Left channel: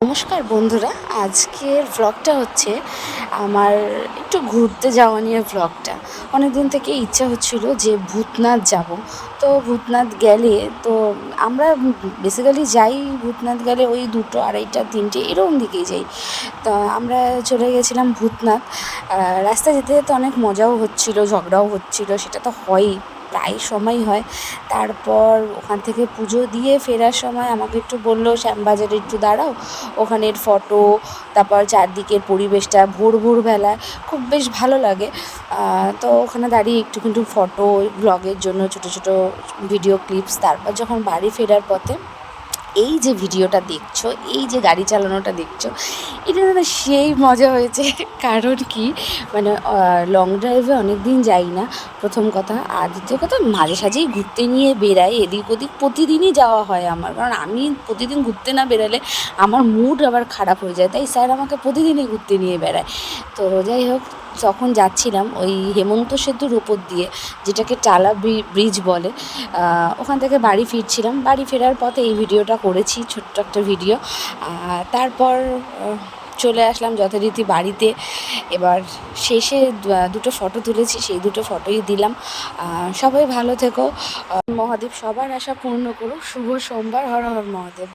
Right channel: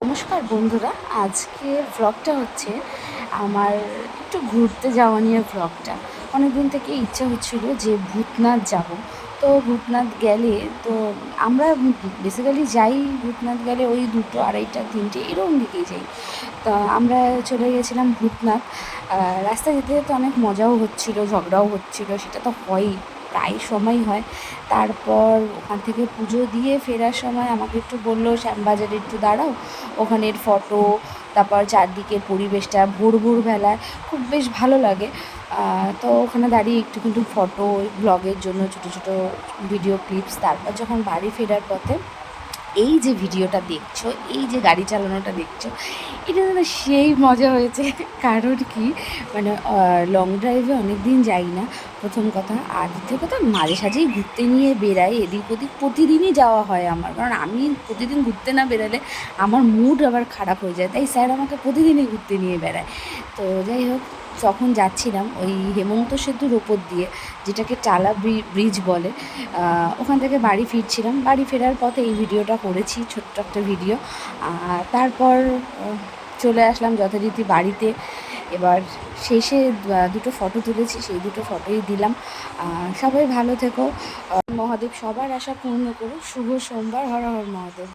নমস্কার বন্ধুরা, আজকের ভ্লগটা হচ্ছে আমার একটু ঘুরতে যাওয়া নিয়ে ভ্লগটা। অনেক দিন থেকে ইচ্ছা হচ্ছিল যে ভূতনাথ যাব। তো ভূতনাথ গেলে তো আমরা বেসিক্যালি যাই, ভূতনাথ গেলে ওই 2টো 2:30 3টে এরকম দিকেই যাই। তা আমরা চলে গেছিলাম ভূতনাথ। রাস্তায় যেতে যেতে অনেক মজাও হচ্ছিল, ঝগড়াও হচ্ছিল, সেটা তো হয়ই, প্রায় সময় হয়। তারপর ওখান থেকে পুজো দিয়ে ফেরার সময় আমাকে একটু বললো শ্যামবাজারে একটু দাঁড়াও, ওখানের ফটো, তারপর চারদিকের পরিবেশটা ভোরবেলায় খুব বেশ ভালো লাগে। তো ওখানে দাঁড়িয়ে একটু কিন্তু ফটো, ব্লগের জন্য ছোটো ছোটো ভিডিও ক্লিপস। তারপর যখন বাড়ি ফেরার পথে এই যে ভিডিওটা দেখছো, এই যে গাড়ি চালানোটা দেখছো, এটা যেন সেই মজা হয়েছে। কারণ কি, মানে লং ড্রাইভে অনেক দিন যাই না, প্রথম কথা। আর দ্বিতীয় কথা, মাঝে সাঝেই ঘুরতে নিয়ে বেরাই এদিক ওদিক, প্রতিদিনই যাওয়া হয় আমার। কারণ আমি প্রতিদিন ঘুরতে না বেরালে আমার মুড আবার খারাপ হয়ে যায়, তাই স্যার আমাকে প্রতিদিনই ঘুরতে নিয়ে বেড়ায়। তো যাই হোক, যখন যাচ্ছিলাম ওই হেমন্ত সেতুর ওপর দিয়ে, যেটাকে টালা ব্রিজ বলে, ওখান থেকে বাড়ি ফিরছিলাম। বাড়ি ফেরার পথে এই ভিডিওটা করেছি, ছোট্ট একটা ভিডিও। তারপর চলে আসলাম যথারীতি বাড়িতে। এবার শেষে দুটো ফটো তুলেছি, সেই দুটো ফটোই দিলাম। সবাই ভালো থেকো, মহাদেব সবার আশা পূর্ণ করুক। শুভ সোমবার, হর হর মহাদেব।